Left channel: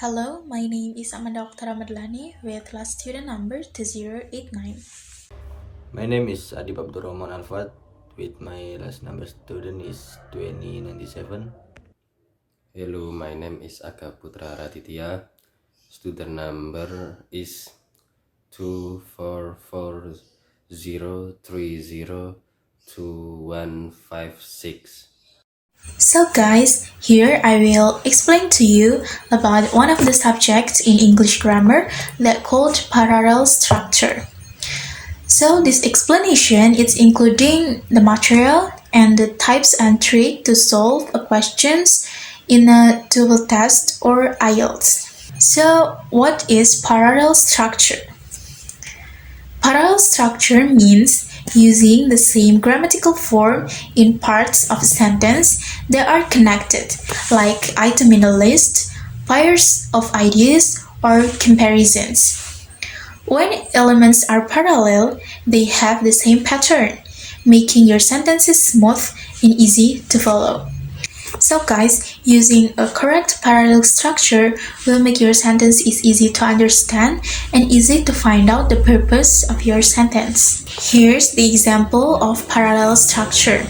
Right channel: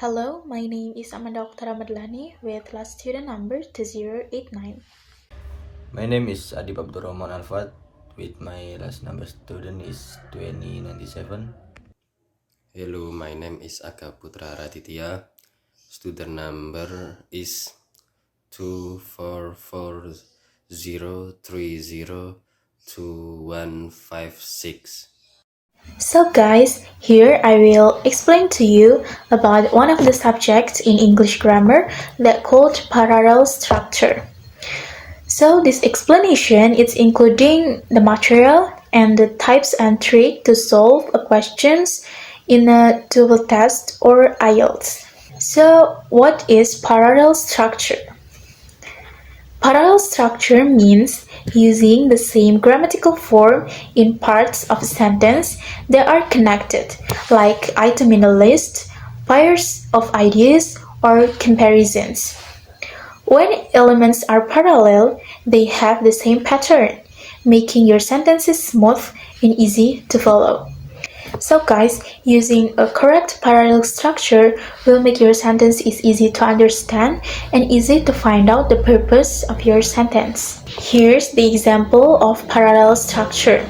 Hello, my name is Okta with class student number 2089. My name is Adib Abdurrahman with my last number student is 2097. Hello, my name is Agha Putra. Student number is 24403022156. So guys, here I will explain to you about one of the subjects in English grammar that called parallel structure. So this explanation is including the material and the types and trick to solve a questions in a double test or IELTS. So what is parallel structure? Parallel structure means using the same grammatical form in parts of a sentence that are connected, like item in a list, pairs of ideas, or comparisons. When elements are parallel, they have the same pattern, making your sentences smooth and easy to follow. So guys, using a correct parallel structure will make your sentence is easy to understand and easy to find out the purpose of your sentence. Here's the example of parallel structure.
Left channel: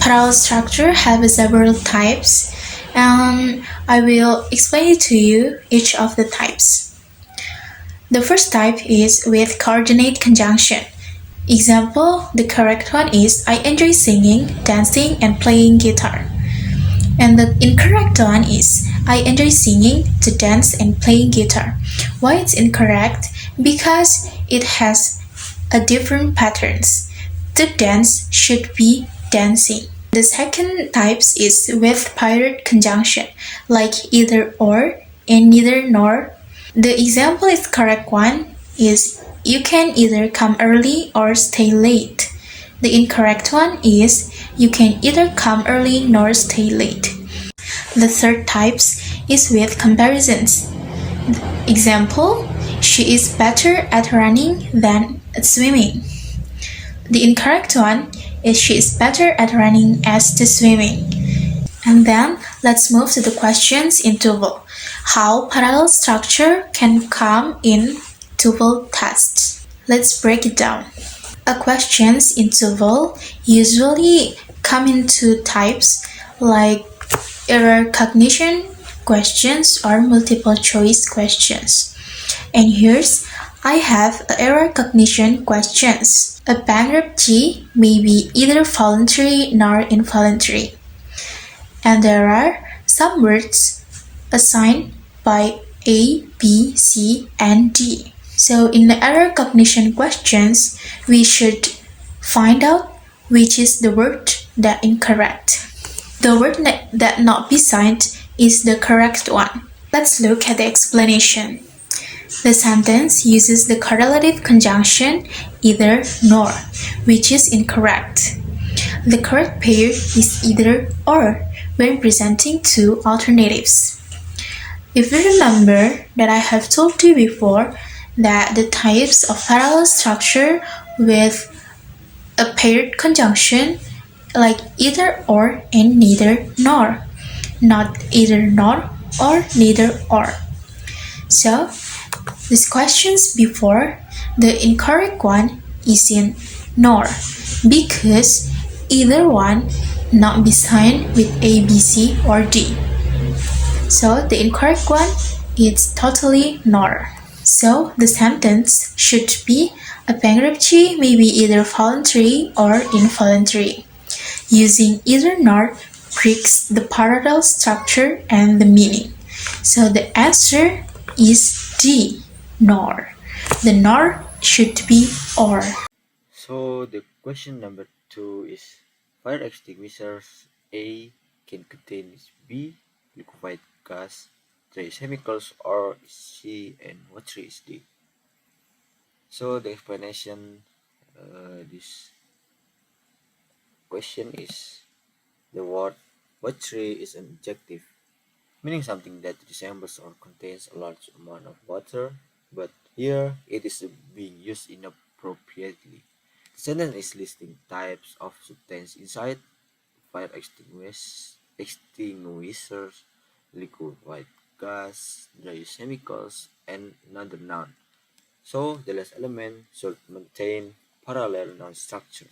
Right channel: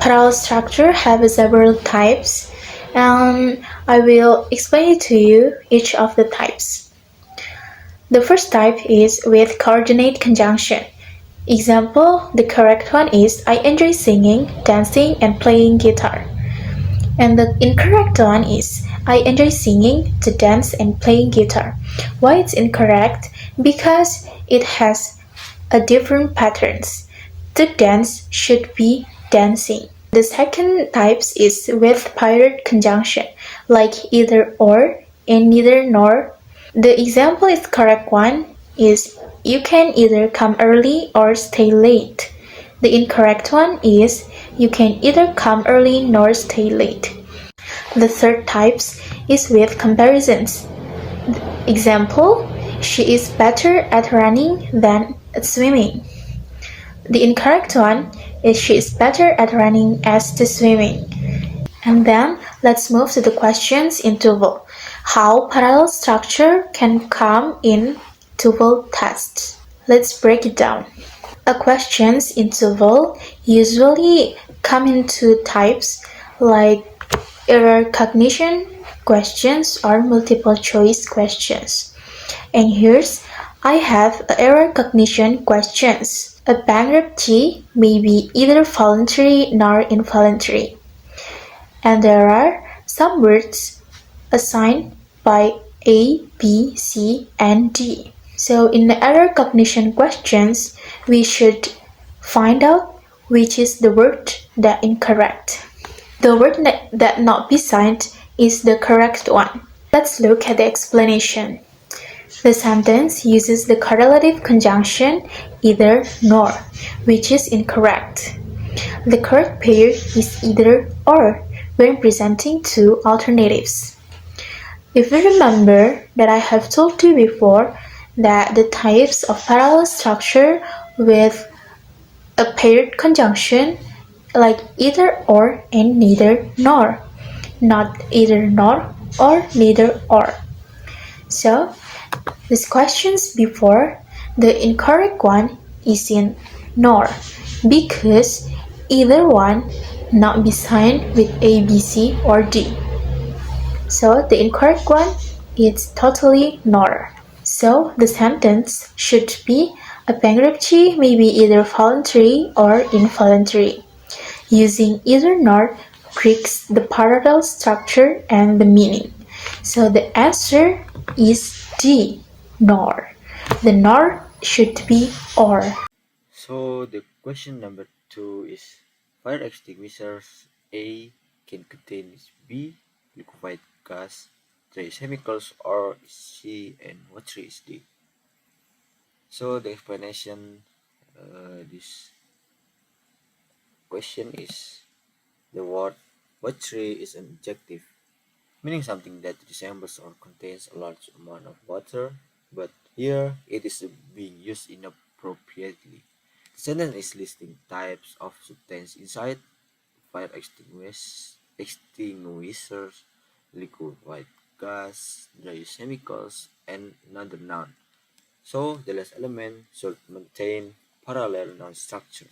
Parallel structure have several types and I will explain it to you each of the types. The first type is with coordinate conjunction. Example, the correct one is I enjoy singing, dancing, and playing guitar. And the incorrect one is I enjoy singing, to dance, and playing guitar. Why it's incorrect? Because it has a different patterns. To dance should be dancing. The second types is with paired conjunction, like either or and neither nor. The example is correct one is you can either come early or stay late. The incorrect one is you can either come early nor stay late. The third types is with comparisons. Example, she is better at running than at swimming. The incorrect one is she is better at running as to swimming. And then let's move to the questions in tuple. How parallel structure can come in tuple tests. Let's break it down. A questions in tuple usually come in two types like error recognition questions or multiple choice questions. And here's I have error recognition questions. A bankruptcy may be either voluntary nor involuntary. And there are some words assigned by A, B, C, and D. So in the error recognition questions, we should find out which is the word that incorrect. The word that not be signed is the correct one. Let's look at the explanation. The sentence uses the correlative conjunction either nor, which is incorrect. The correct pair is either or when presenting two alternatives. If you remember that I have told you before that the types of parallel structure with a paired conjunction like either or and neither nor, not either nor or neither or. So, these questions before, the incorrect one is in nor because either one not be signed with A, B, C, or D. So, the incorrect one is totally nor. So, the sentence should be a bankruptcy may be either voluntary or involuntary. Using either nor breaks the parallel structure and the meaning. So the answer is D, nor. The nor should be or. So the question number 2 is fire extinguishers A can contain is B liquefied gas, trace chemicals, or is C and what three is D? So the explanation this question is the word what tree is an adjective, meaning something that resembles or contains a large amount of water, but here it is being used inappropriately. The sentence is listing types of substance inside fire extinguishers, liquefied gas, there is chemicals, and another noun. So the last element should maintain parallel noun structure.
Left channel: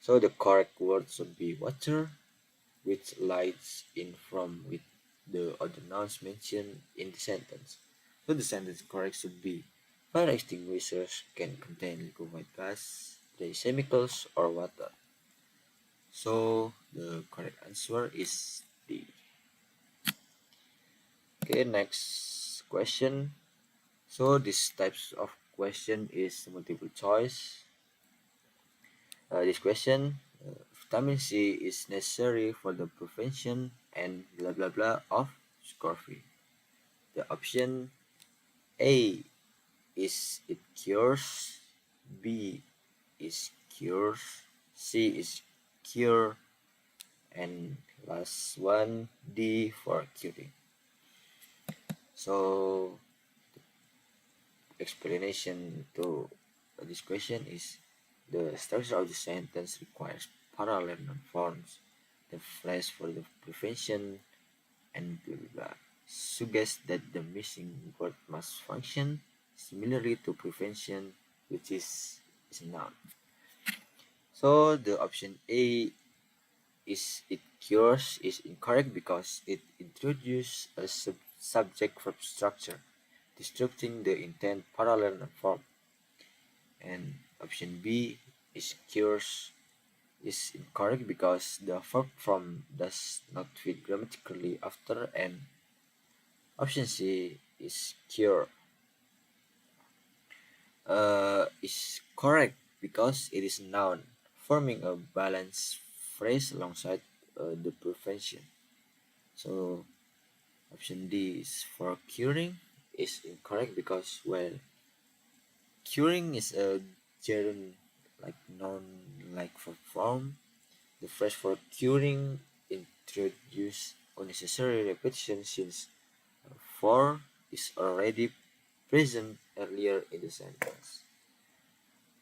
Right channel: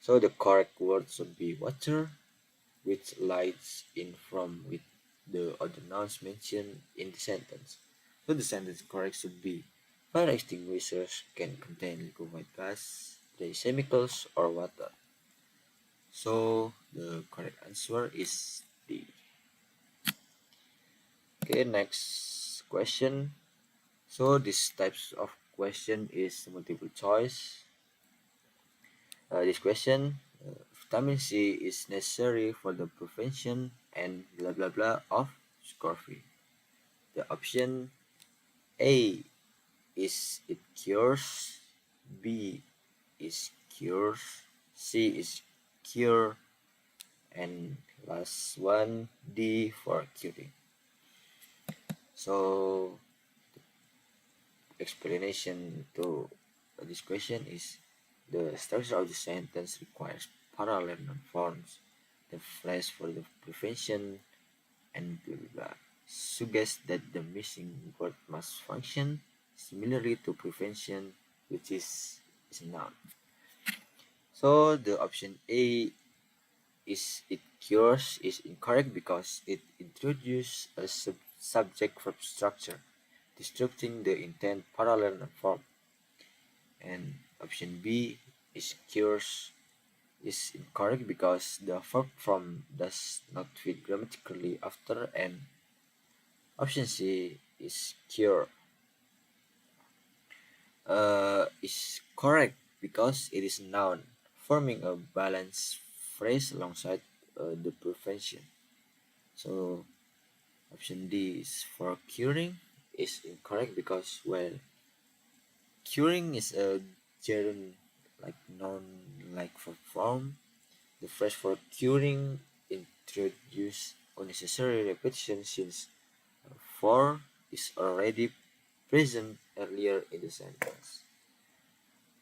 So the correct word should be water, which lies in from with the other nouns mentioned in the sentence. So the sentence correct should be fire extinguishers can contain liquefied gas, dry chemicals, or water. So the correct answer is D. Okay, next question. So this types of question is multiple choice. This question, vitamin C is necessary for the prevention and blah blah blah of scurvy. The option A is it cures, B is cures, C is cure, and last one D for curing. So explanation to this question is the structure of the sentence requires parallel noun forms. The phrase for the prevention and blah blah blah suggests that the missing word must function similarly to prevention, which is a noun. So the option A is it cures is incorrect because it introduces a subject verb structure, disrupting the intent parallel noun form. And option B is cures is incorrect because the verb form does not fit grammatically after, and option C is cure is correct because it is a noun forming a balanced phrase alongside the prevention. So option D is for curing is incorrect because, well, curing is a gerund like noun like for form. The phrase for curing introduce unnecessary repetition since for is already present earlier in the sentence.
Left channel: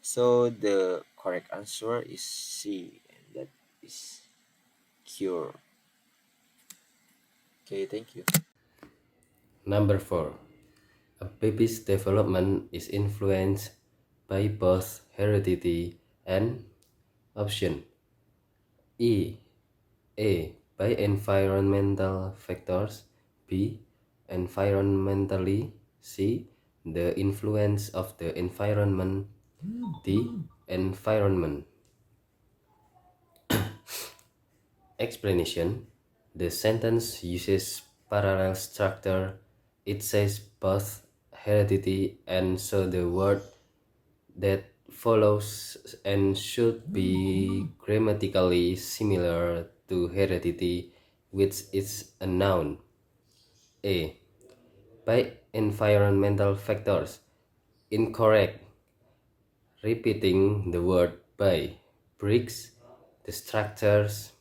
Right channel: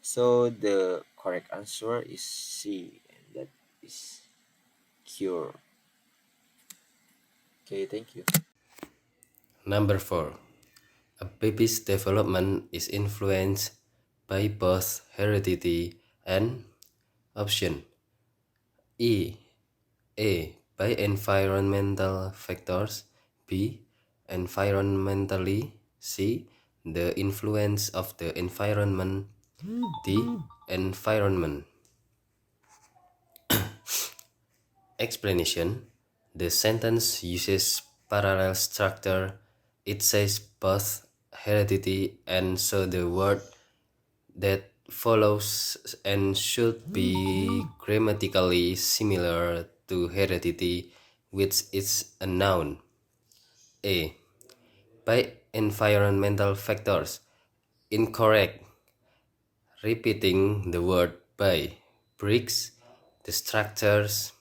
So the correct answer is C, and that is cure. Okay, thank you. Number 4. A baby's development is influenced by both heredity and option E. A. By environmental factors. B. Environmentally. C. The influence of the environment. D. Environment. Explanation. The sentence uses parallel structure. It says both heredity, and so the word that follows and should be grammatically similar to heredity, which is a noun. A. By environmental factors. Incorrect. Repeating the word by breaks the structures.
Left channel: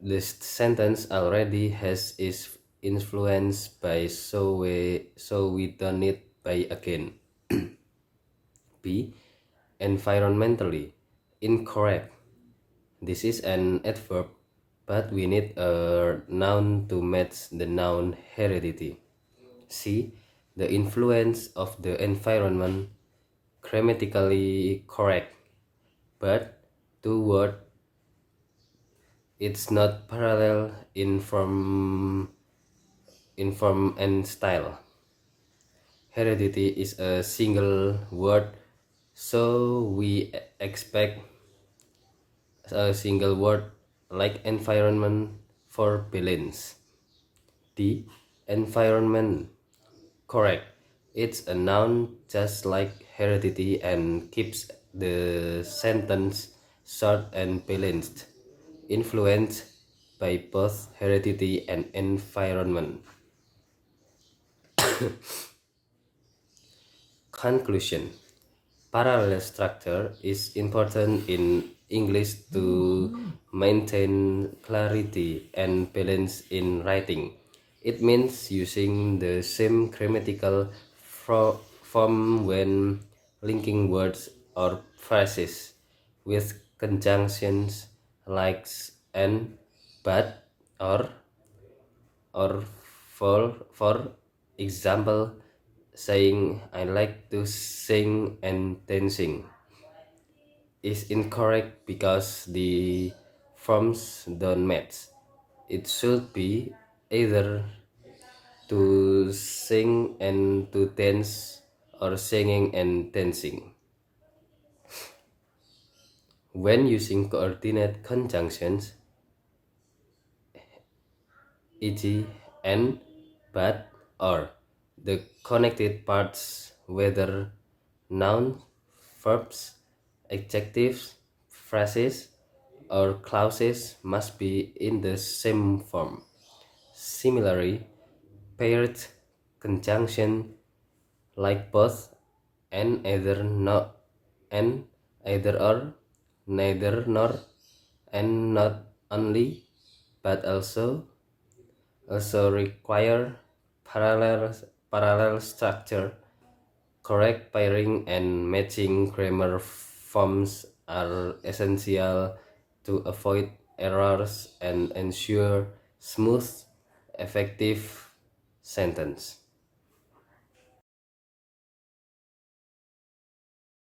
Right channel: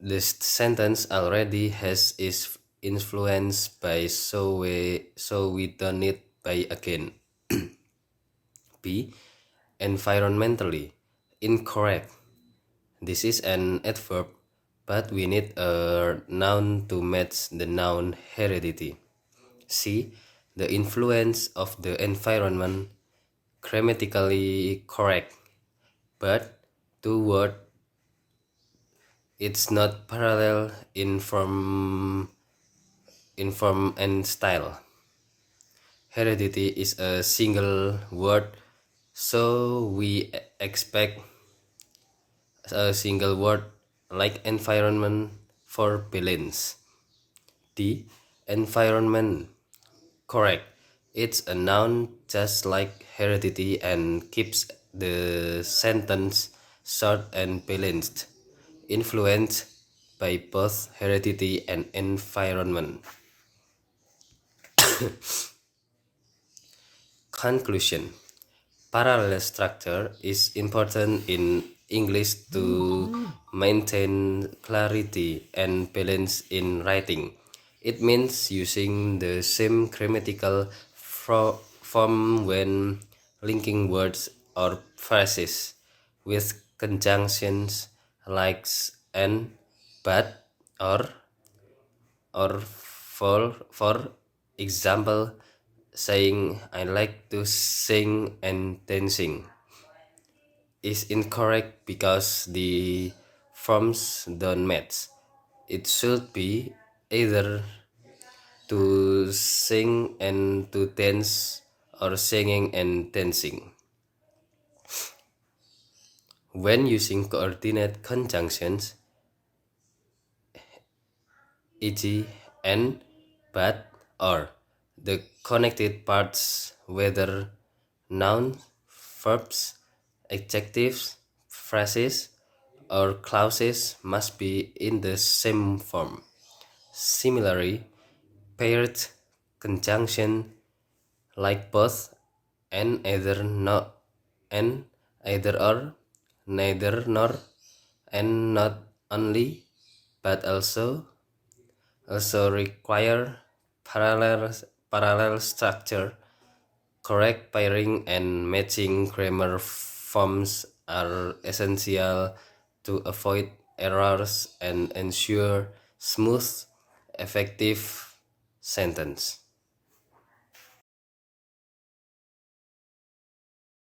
This sentence already has is influenced by, so we don't need by again. B. Environmentally. Incorrect. This is an adverb, but we need a noun to match the noun heredity. C. The influence of the environment. Grammatically correct, but two word it's not parallel in form and style. Heredity is a single word, so we expect a single word like environment for balance. D. Environment. Correct. It's a noun just like heredity and keeps the sentence short and balanced. Influenced by both heredity and environment. Conclusion. Parallel structure is important in English to maintain clarity and balance in writing. It means using the same grammatical form when linking words or phrases with conjunctions like and, but, or, or for example, saying I like to sing and dancing is incorrect because the forms don't match. It should be either to sing and to dance or singing and dancing. When using coordinate conjunctions, e.g., and, but, or, the connected parts, whether nouns, verbs, adjectives, phrases, or clauses, must be in the same form. Similarly, paired conjunction like both and either not and either or, neither nor, and not only, but also require parallel structure. Correct pairing and matching grammar forms are essential to avoid errors and ensure smooth, effective sentence.